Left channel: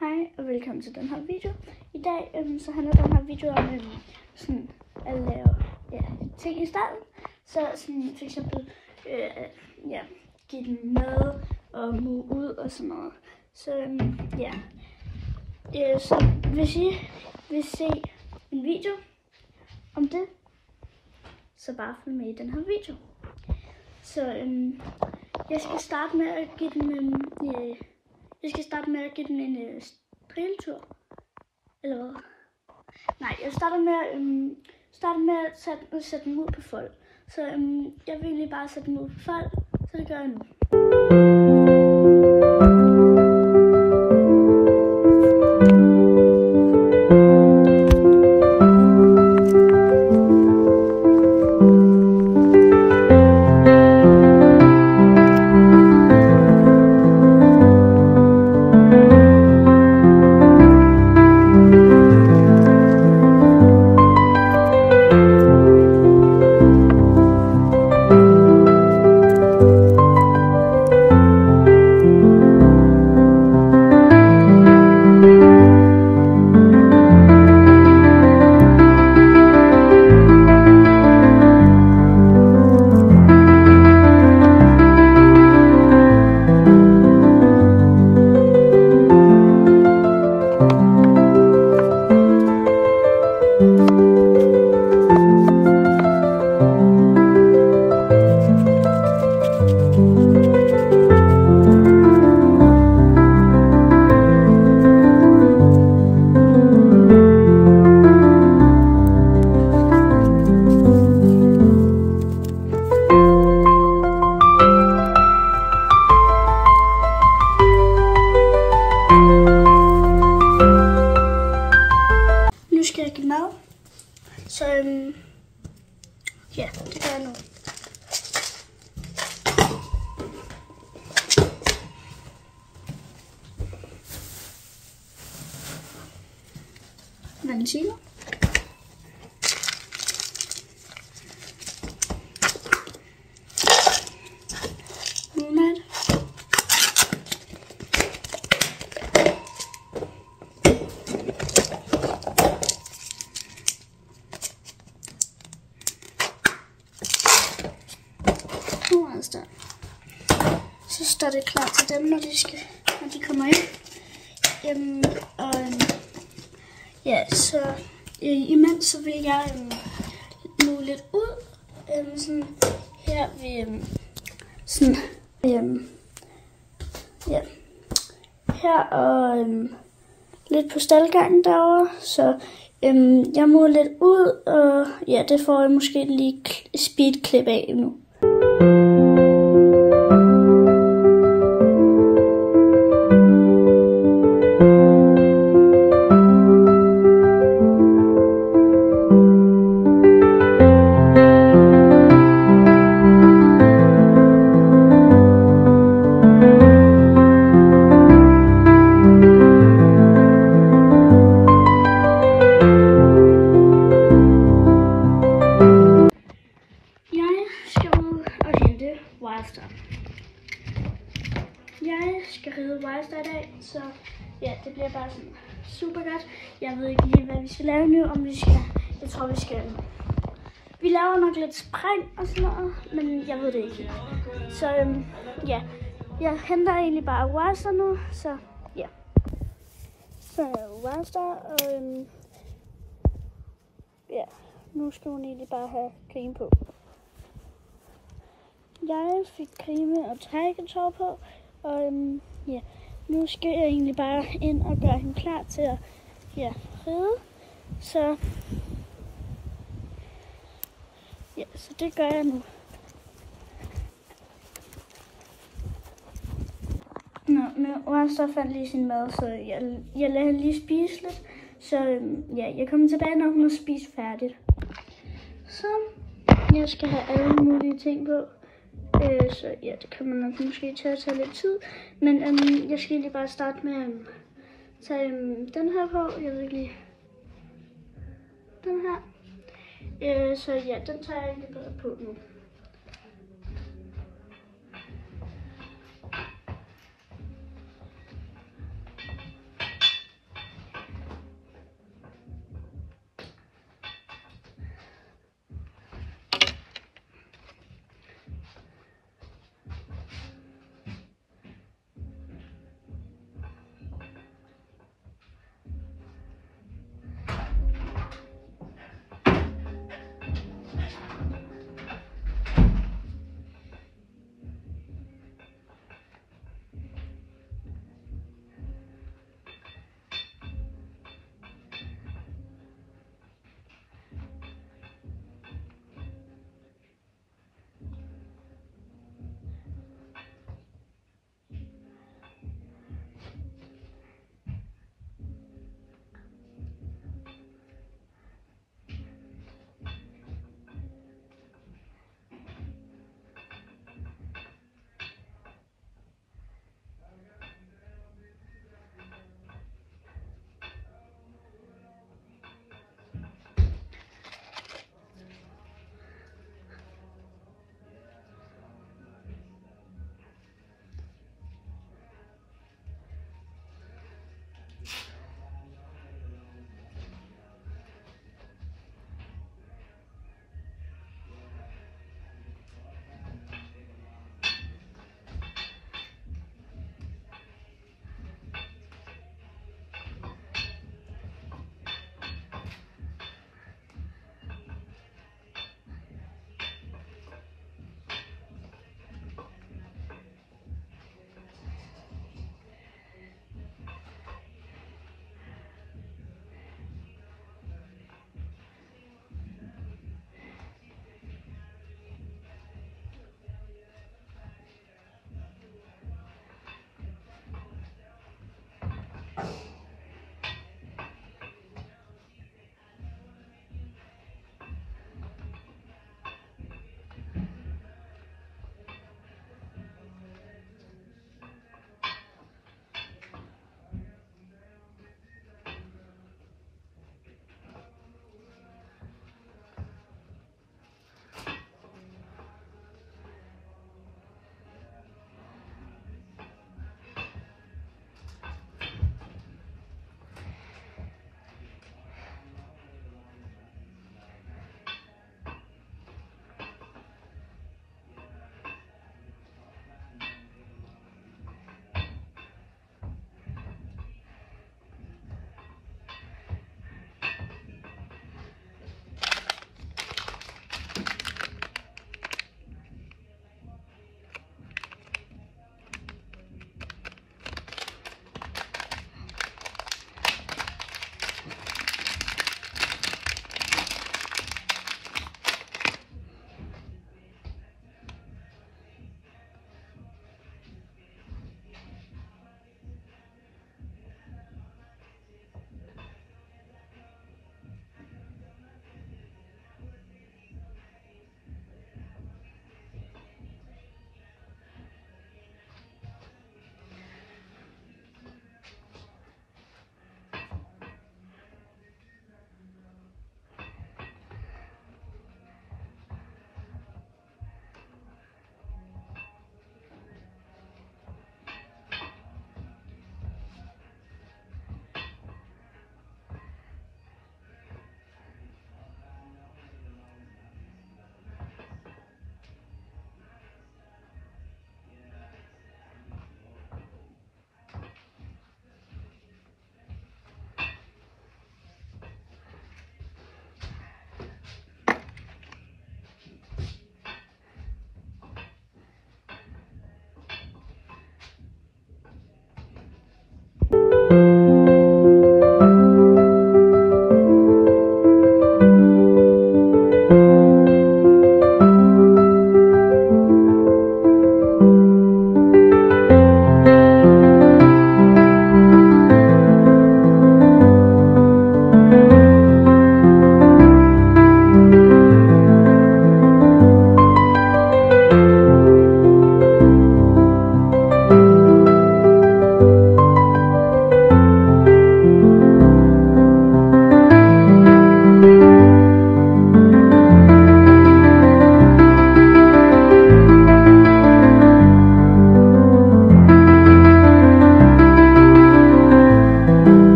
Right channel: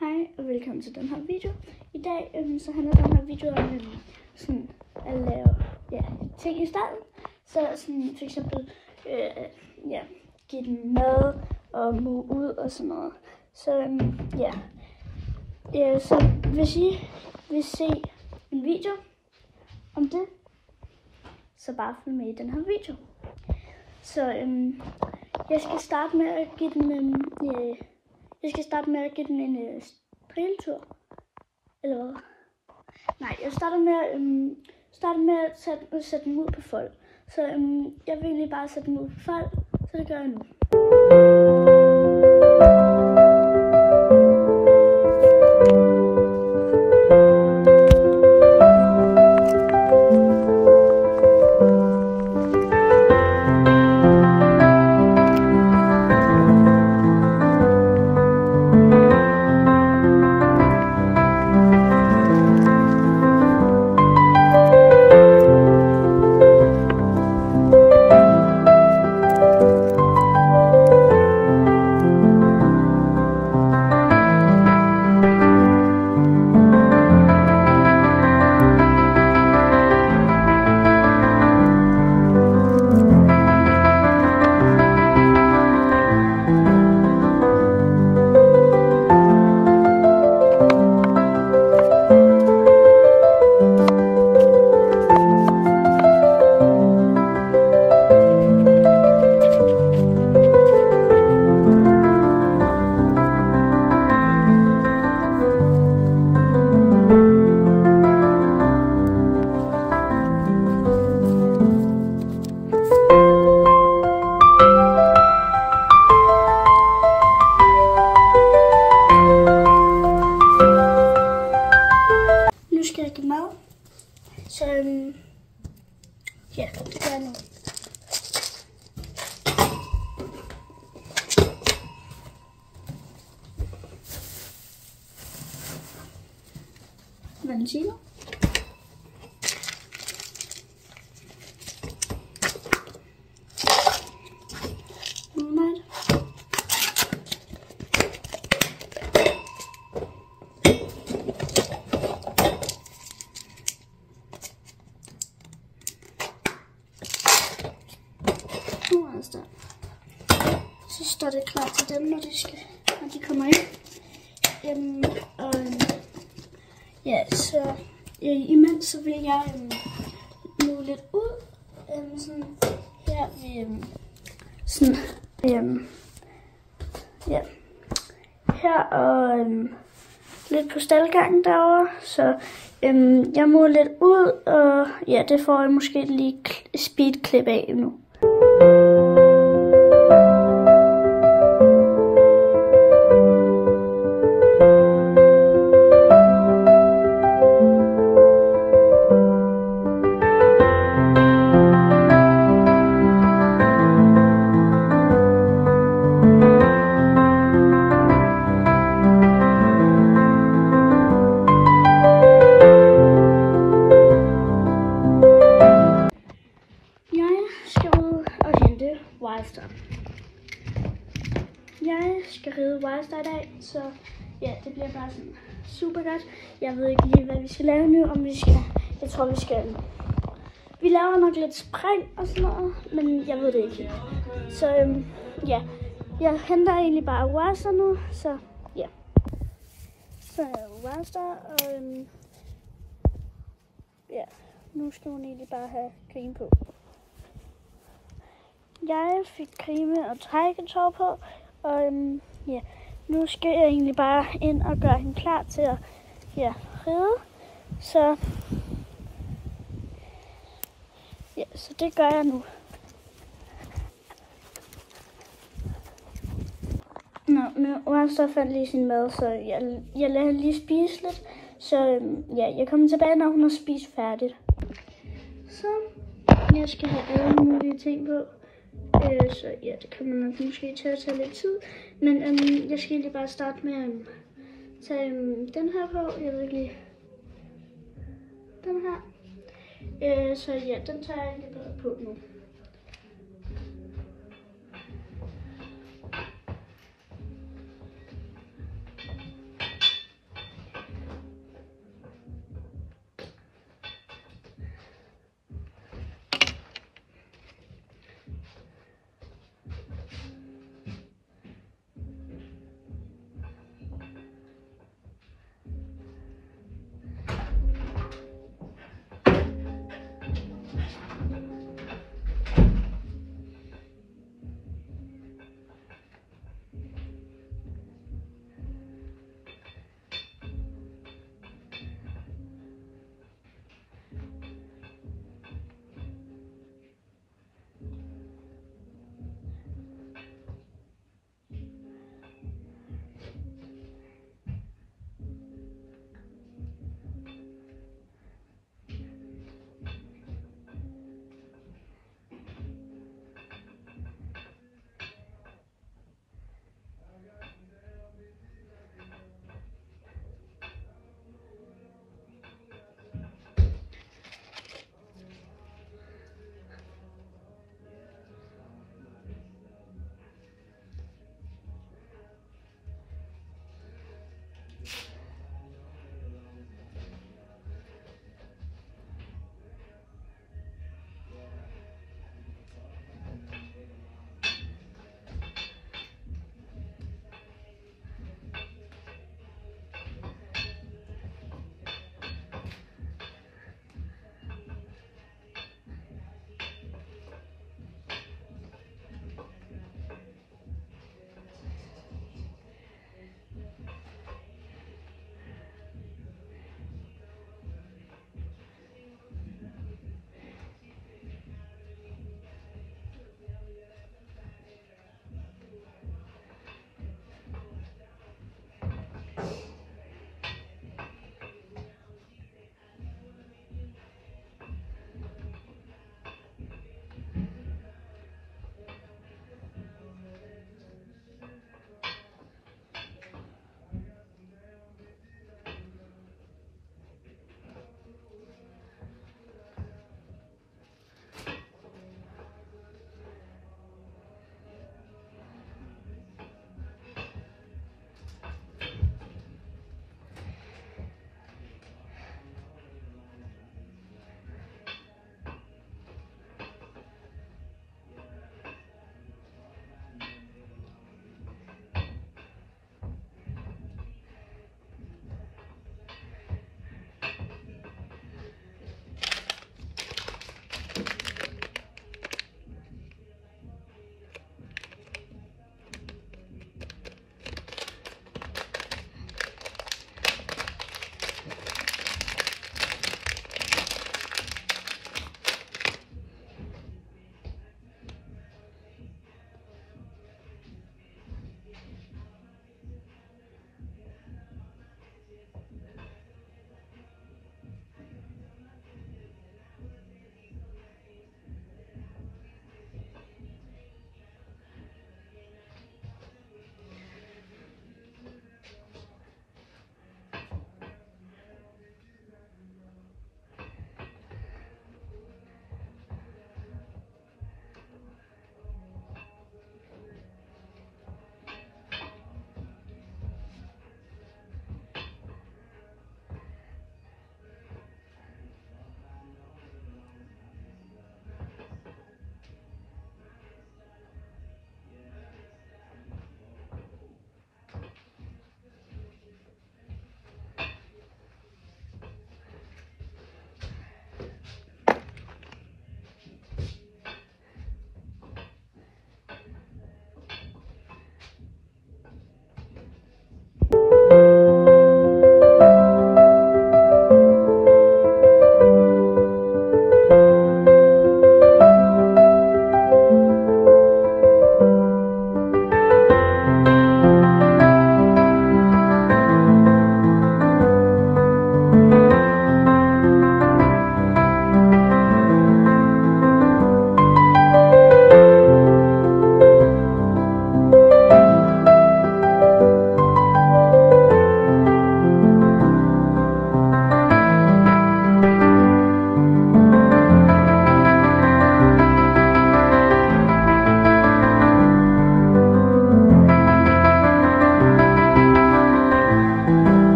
Hej og velkommen til den her video. I dag så handler den her video om sådan at lave ting i starten. Så sådan for eksempel give den mad og move ud og sådan noget. Så så hvis I vil se en video om det, så bare følg med i den her video. Så jeg skal starte med at give den en drilletur, eller hvad? Nej, jeg starter med at sætte den ud på fold. Så jeg vil egentlig bare sætte den ud på fold, så det gør jeg nu. Nu skal jeg give mad, så det gør jeg nu. Valentino. Monat. Så står det klar til dem, når de kommer ind. Så imens så vil jeg nu lidt ud. Sådan her ved her og lidt på staldgangen derovre. Så jeg må lidt ud, og det får jeg måske lige speedklip af nu. Jeg skal ride Wildstar i dag, så det bliver bare sådan super godt. Jeg ved ikke lige, hvad vi skal lave nu, jeg tror vi laver nok lidt spring og sådan noget, men jeg ved det ikke. Så jeg henter egentlig bare Wildstar nu, så Så Wildstar, og nu skal hun egentlig bare have creme på. Jeg fik creme og trækketår på, og nu skal jeg egentlig bare ind og gøre hende klar til at ride. Så så det gør jeg nu. Nu Wildstar fandt lige sin mad, så jeg lader hende lige spise lidt. Så jeg kommer tilbage, når hun har spist færdigt. Så jeg skal have alle mulige ting på. Så det kan man nok måske tage lidt tid. Men jeg skal egentlig bare starte med at tage den her på. Jeg ved ikke lige. Den her. Så den tager jeg egentlig bare på nu.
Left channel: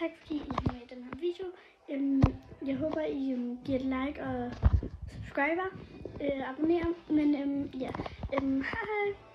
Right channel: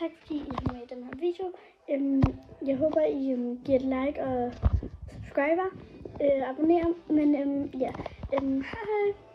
tak fordi I så med i den her video. Jeg håber, I giver et like og subscriber, abonnerer. Men ja, hej hej.